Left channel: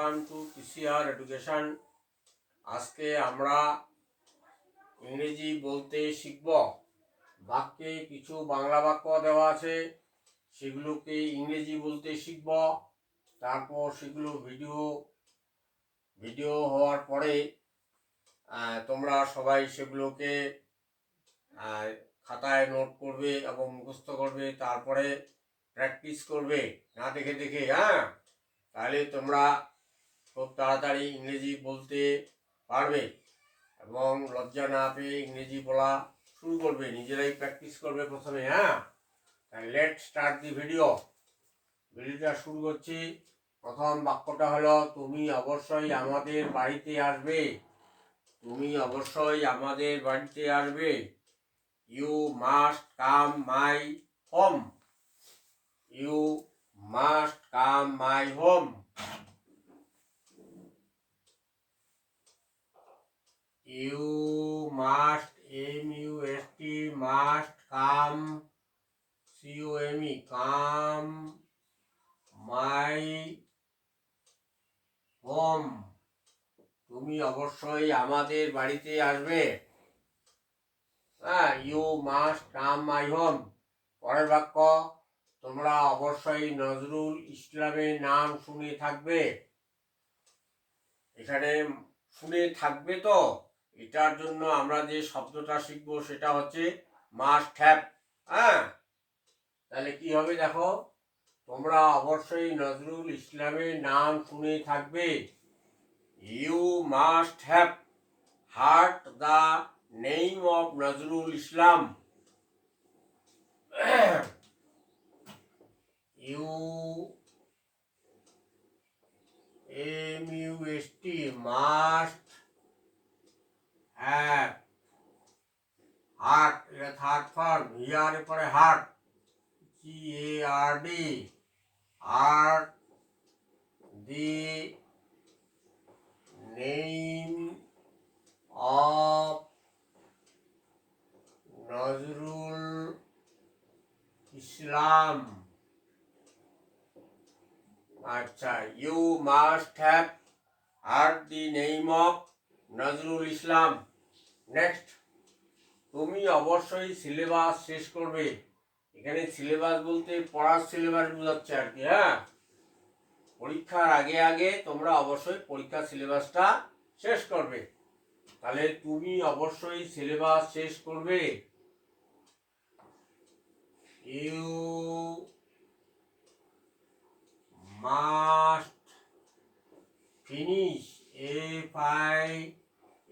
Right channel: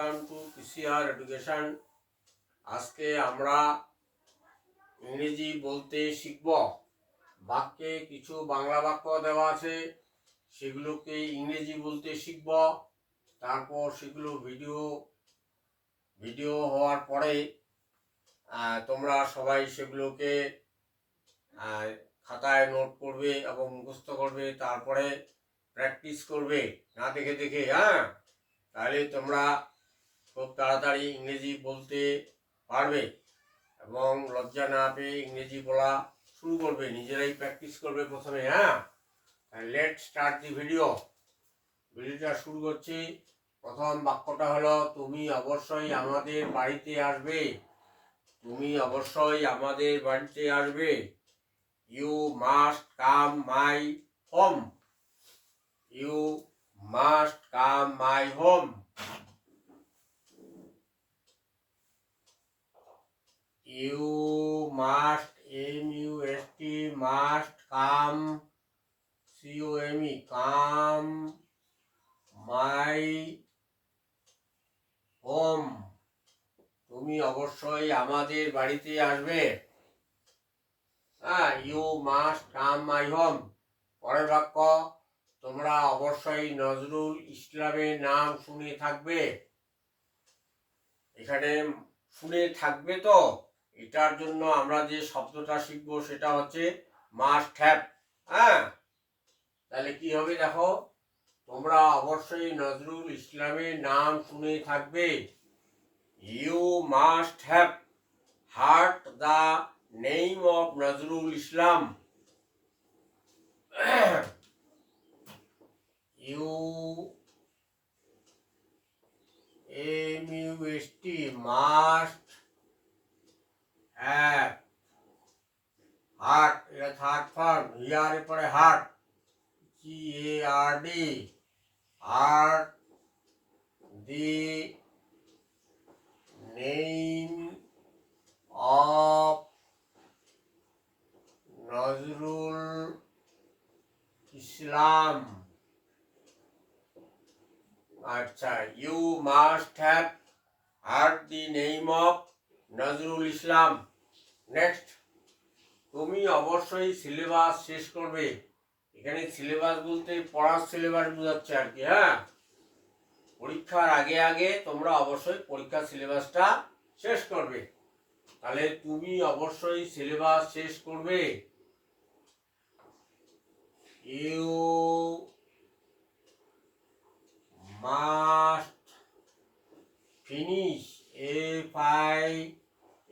Welcome to PCR education. আজকে আমরা ইংরেজি বলতে শিখব। বাক্যে কিছু বাংলা বাক্য দেওয়া আছে, সেগুলোকে ইংরেজি বলতে শিখব। তারপর সেগুলো ভিডিও হওয়ার পরে তোমরা সবাই সেগুলোকে খাতায় নোট করবে এবং মুখস্থ করবে, তারপরে প্র্যাকটিস করবে না দেখে দেখে। তাহলে তোমরা খুব তাড়াতাড়ি ইংরেজি বলতে পারবে এবং লজ্জা না পেয়ে ইংরেজি বলা শুরু করবে, নিজেরাই প্র্যাকটিস করবে প্রথমে। লেট স্টার্ট দি ভিডিওটা শুরু করছি। প্রথম বাক্যটা হলো, তুমি অবশ্যই আমাদের বাড়িতে আসবে। তুমি অবশ্যই আমাদের বাড়িতে আসবে। You must come my home. You must come my home. You must, M-U-S-T, must come, C-O-M-E, come my home. তুমি অবশ্যই আমাদের বাড়িতে আসবে। You must come my home. পরের বাক্য, তোমরা অবশ্যই নজরুল ইসলামের নাম শুনে থাকবে। এখানে শুনে থাকবে, তো এটার জন্য আমরা যে শব্দটা শিখবো সেটা হচ্ছে মাস্ট হ্যাভ। তাহলে কি হবে দেখো, তোমরা অবশ্যই নজরুল ইসলামের নাম শুনে থাকবে। You must have heard the name of Nazrul Islam. You MUST must have heard, এটা থার্ড ফর্ম, হিয়ারের পরে heard, GARD, heard the name of Nazrul Islam. আচ্ছা, you must have heard the name of Nazrul Islam. Next, তুমি অবশ্যই সিলেবাস শেষ করবে। এখানে সিলেবাস বলতে পড়ার সিলেবাস বোঝাচ্ছে আর কি। পরীক্ষার আগে আগে তোমরা অবশ্যই পরীক্ষার সিলেবাসটা শেষ করবে। তাহলে তুমি অবশ্যই সিলেবাস শেষ করবে। You must finish,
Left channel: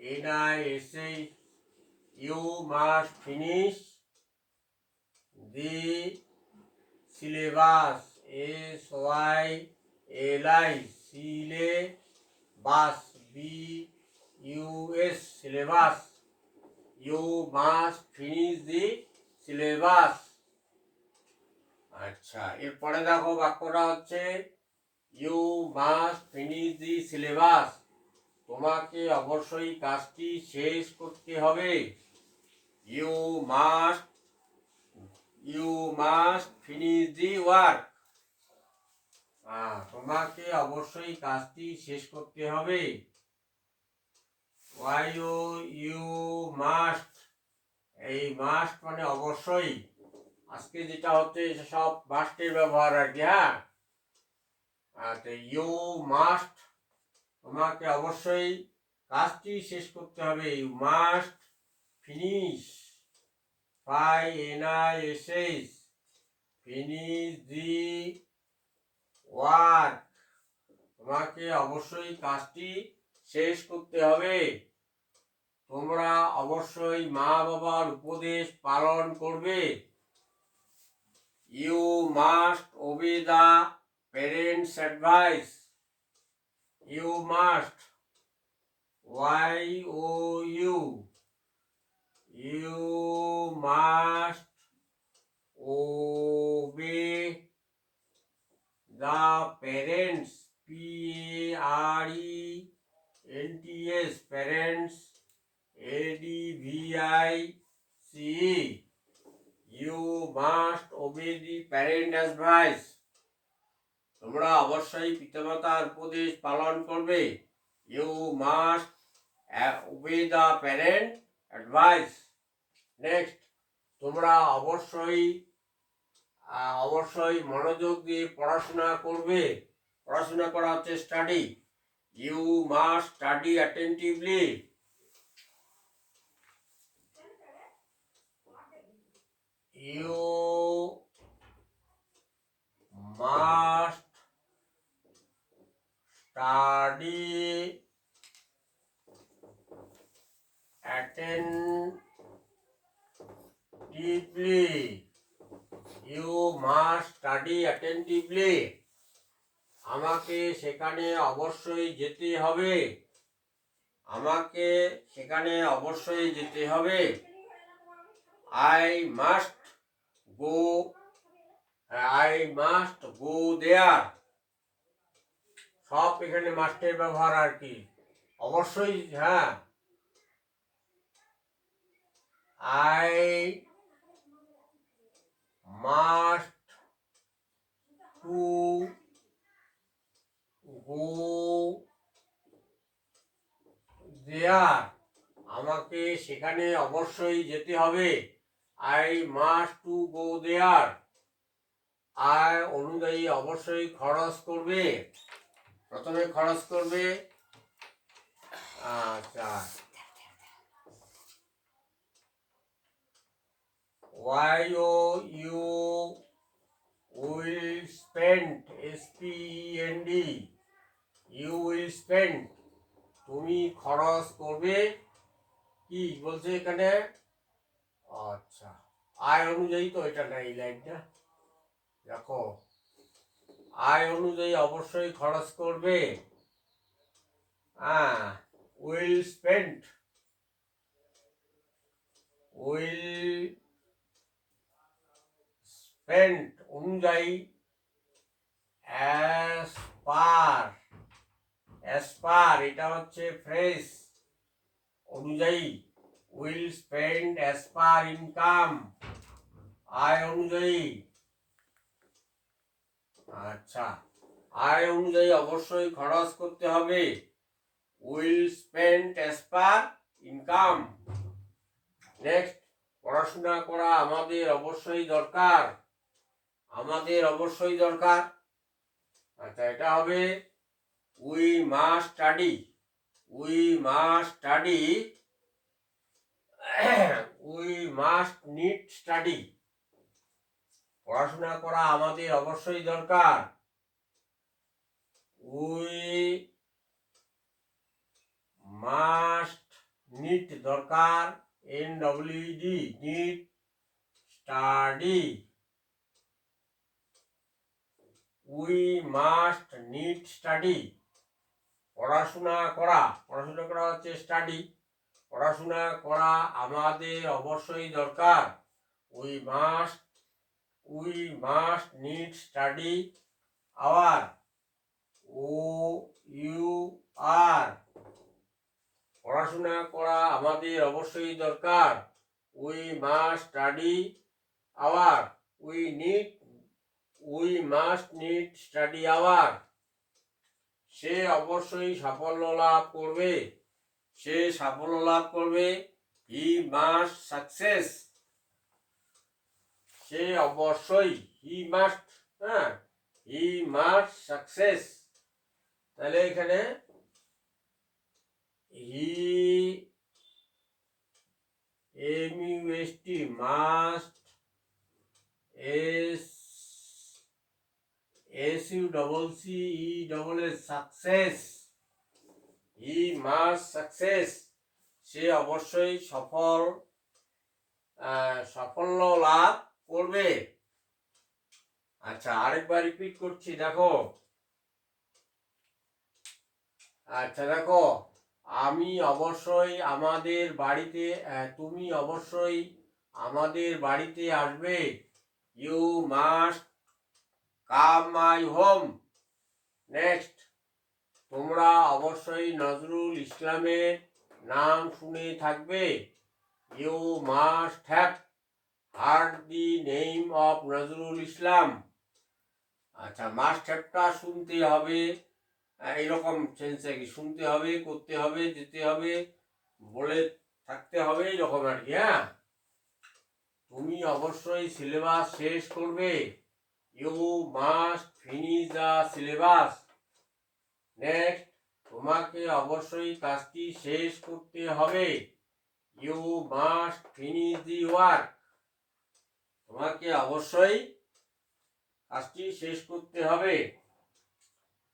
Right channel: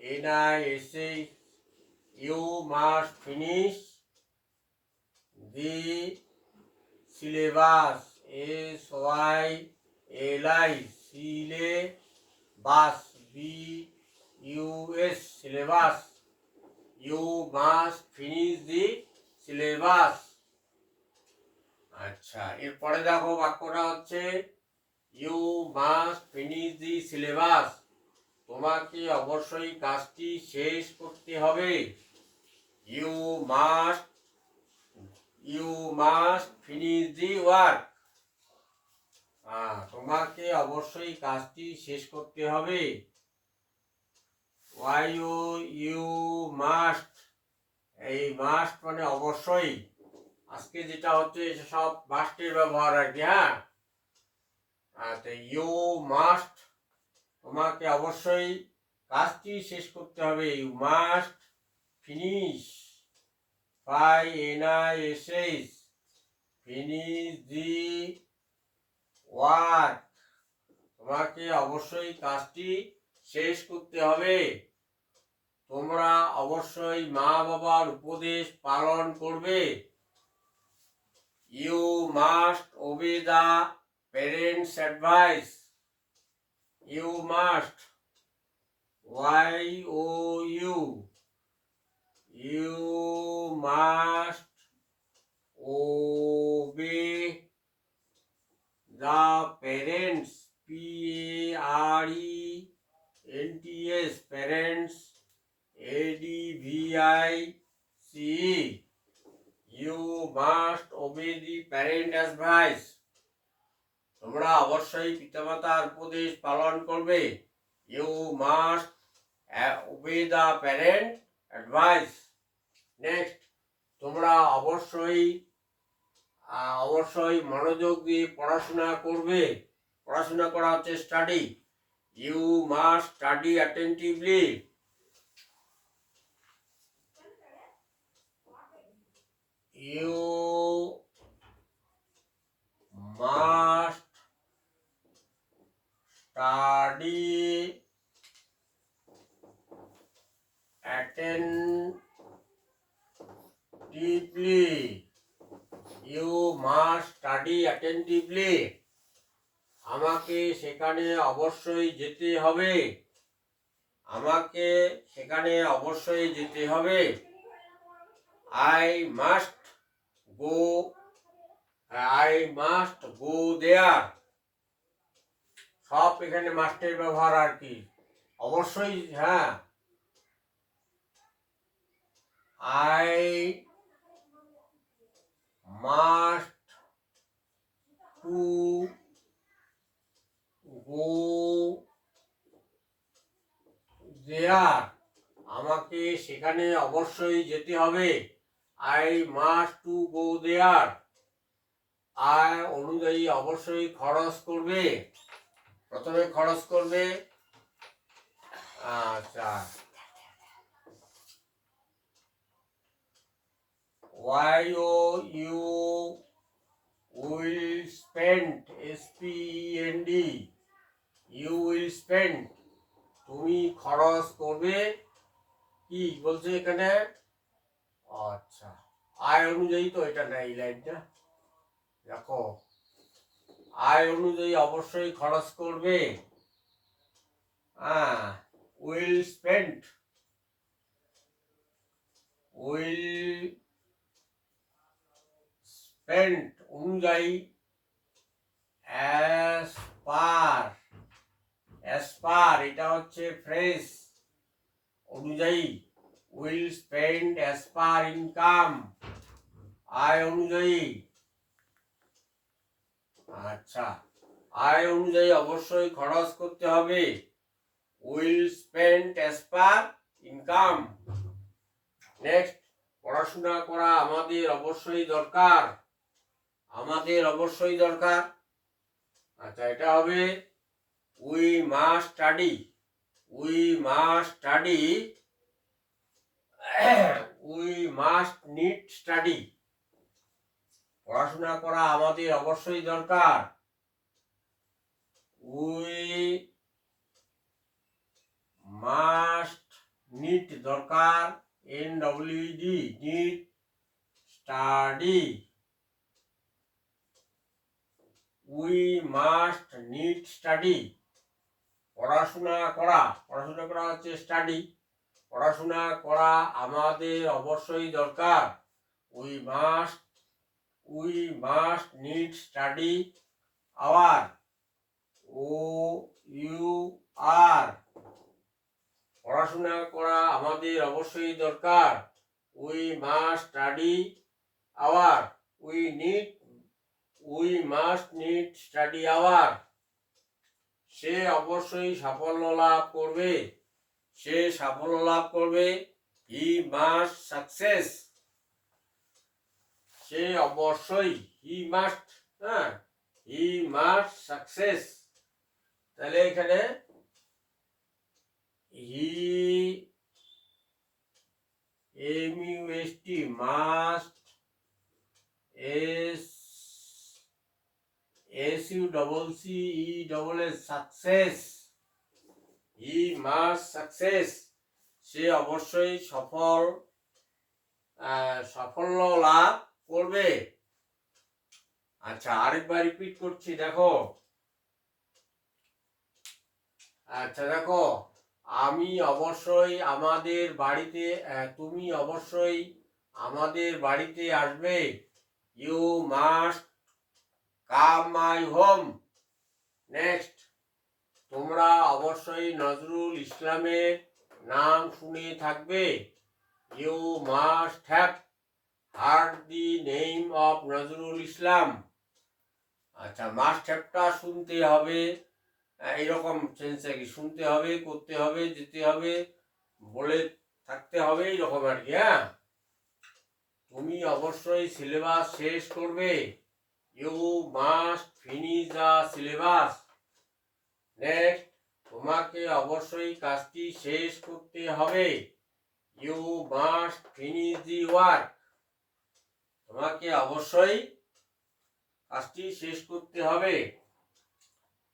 FINISH, you must finish the syllabus, SYLI, syllabus, BUS, syllabus. You must finish the syllabus. আচ্ছা, এরপরে দেখো বাক্যটা হচ্ছে, you must finish the syllabus. তোমাকে অবশ্যই কাজটি শেষ করতে হবে। You must finish the work. তোমাকে অবশ্যই কাজটি শেষ করতে হবে। ইউ মাস্ট, এই মাস্ট মানে অবশ্যই। আজকে যেটা হচ্ছে সব মাস্টের ব্যবহার আর কি। ইউ মাস্ট, তোমাকে অবশ্যই কাজটি শেষ করতে হবে। You must finish, FINISH, finish the work. তোমাকে অবশ্যই কাজটি শেষ করতে হবে। তোমরা অবশ্যই মা বাবার উপদেশ পালন করবে। You must obey the parents advice. You must, YOU, you must obey the parents, PARENTS, parents, ADVICE. You must obey the parent advice. তোমরা অবশ্যই পিতামাতার উপদেশ পালন করবে। You must obey the parent advice. Next, তোমরা অবশ্যই মনোযোগ দিয়ে পড়াশোনা করবে। পড়াশোনা করা হচ্ছে study. You must study attentively. You must study attentively. You must study attentively. আমাকে সেখানে অবশ্যই যেতে হবে। আমাকে সেখানে অবশ্যই যেতে হবে। I must go there. সব এখানে মাস্টের ব্যবহার আর কি। অবশ্যই, হ্যাঁ। I must to go there. আমাকে সেখানে অবশ্যই যেতে হবে। I must to go there. আয় অনুযায়ী অবশ্যই খরচ করবে। প্রথমে খরচ করবে। আচ্ছা, why you will spend, spend, you will spend, তুমি খরচ করবে। কি বলছে এখানে? আচ্ছা, আয় অনুযায়ী তো এটা না, এই লাইনটা দেখো, আয় অনুযায়ী অবশ্যই খরচ করবে। হ্যাঁ, উইল স্পেন্ড, উইল স্পেন্ড অনুযায়ী, অ্যাজ পার, এটা হচ্ছে ফ্রেজ। অনুযায়ী, will spend as per income, আয় অনুযায়ী। আচ্ছা, আয় অনুযায়ী অবশ্যই খরচ করতে হবে। Will spend as per income. Next, পড়াশোনা করা আমাদের অবশ্যই দরকার। আমাদের অবশ্যই দরকার। আচ্ছা, এটা হবে we must study. We must study, we must need study. পড়াশোনা করা আমাদের অবশ্যই দরকার। উই মাস্ট নিড দরকার, NWD, need study. We must need study. পড়াশোনা করা হচ্ছে স্টাডি। পড়াশোনা করা আমাদের অবশ্যই দরকার। We must need study our, OUR। পড়াশোনা করা আমাদের অবশ্যই দরকার। We must study our, we must need study our. সে অবশ্যই সাফল্য লাভ করবে। সে সাফল্য লাভ করবে। হি মাস্ট সাকসেস। সে অবশ্যই, হি মাস্ট, হ্যাঁ, হি মাস্ট সাকসেস। তাহলে এখানে he, MUST, must, SUCCESS, success. He must success. সে অবশ্যই সাফল্য লাভ করবে। আচ্ছা, আরেকবার রিপিট করছি, দেখো। আচ্ছা, দেখো, আমি অবশ্যই আমাদের বাড়িতে, তুমি অবশ্যই আমাদের বাড়িতে আসবে। You must come my home. Next, তোমরা অবশ্যই নজরুল ইসলামের নাম শুনে থাকবে। You must have heard the name of Nazrul Islam. আচ্ছা, মাস্ট হ্যাভটা শুনতে হবে, এইরকম সেন্সে কি শুনতে হবে, করতে হবে, যেতে হবে, বলে থাকতে হবে, এইরকম আর কি। হ্যাঁ, তুমি অবশ্যই সিলেবাস শেষ করবে। You must finish the syllabus. Next, তোমাকে অবশ্যই কাজটি শেষ করতে হবে। You must finish the work. তোমাকে অবশ্যই কাজটি শেষ করতে হবে।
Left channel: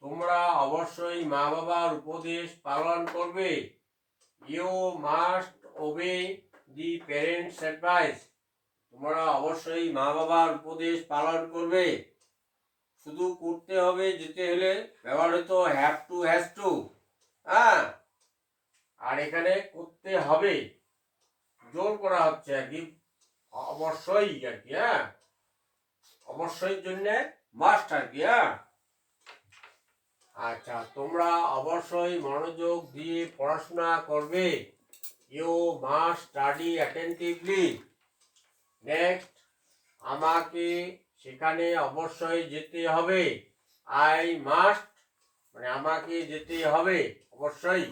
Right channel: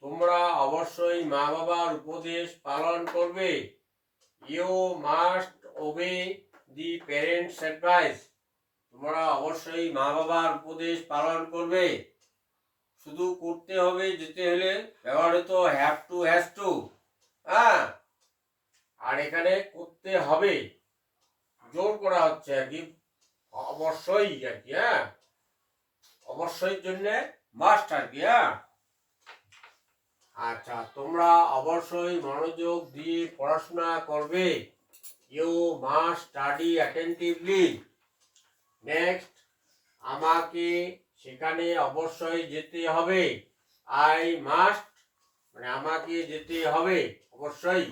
তোমরা অবশ্যই মা বাবার উপদেশ পালন করবে। You must obey the parents advice. তোমরা অবশ্যই মা বাবার উপদেশ পালন করবে। শুধু করতে হবে, যেতে হলে ব্যবহৃত হ্যাভ টু, হ্যাজ টু। হ্যাঁ, আর এখানে করতে হবে জোর করা হচ্ছে আর কি, অবশ্যই আর কি। হ্যাঁ, অবশ্যই জন্য মাস্ট আর কি। হ্যাঁ, আচ্ছা, তোমরা অবশ্যই মনোযোগ দিয়ে পড়াশোনা করবে। You must study attentively. Next, আমাকে সেখানে অবশ্যই যেতে হবে। আই মাস্ট, মানে আমাকে যেতে হবে অবশ্যই।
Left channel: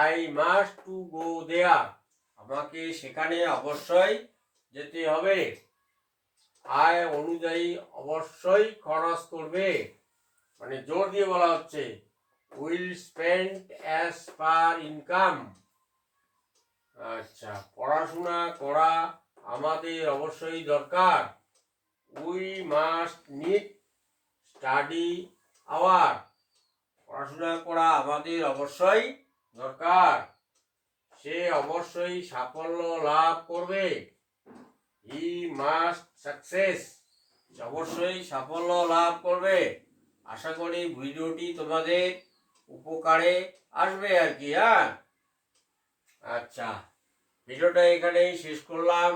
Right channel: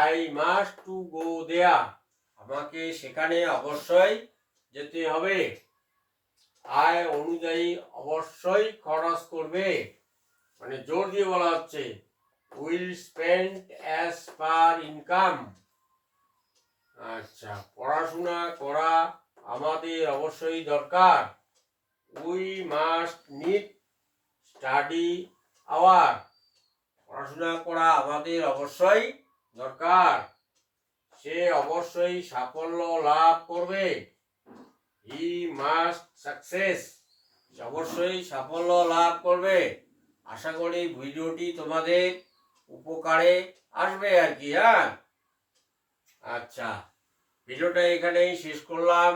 আই মাস্ট টু গো দেয়ার। আমাকে সেখানে অবশ্যই যেতে হবে। আয় অনুযায়ী অবশ্যই খরচ করবে, মানে জোর দিয়ে বলা হচ্ছে will spend as per income. আচ্ছা, পড়াশোনা করা আমাদের অবশ্যই দরকার। We must need study hour. পড়াশোনা করা আমাদের অবশ্যই দরকার। সে অবশ্যই সাফল্য লাভ করবে। হি মাস্ট সাকসেস। অবশ্যই সাফল্য লাভ করবে। আশা করি ভিডিওটি তোমাদের উপকারে আসবে আর কি। হ্যাঁ, আচ্ছা, ভিডিওটা এখানেই শেষ করলাম।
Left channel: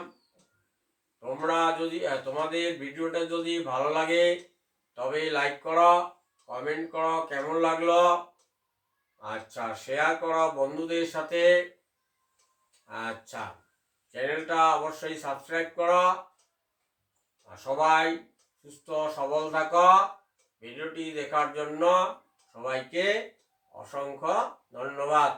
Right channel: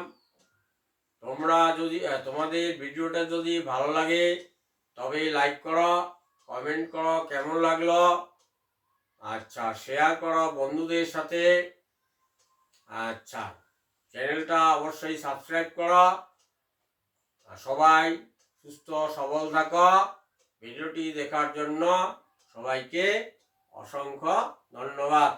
তোমরা যদি তোমাদের ভিডিওটা যদি ভালো লাগে তবে লাইক করো, কমেন্ট করো কেমন লাগলো। আচ্ছা, শেয়ার করো বন্ধুদের সাথে। আচ্ছা, চ্যানেলটা অবশ্যই সাবস্ক্রাইব করো। সবাই সুস্থ সবল থাকো। ভিডিওটি দেখার জন্য সবাইকে অসংখ্য ধন্যবাদ।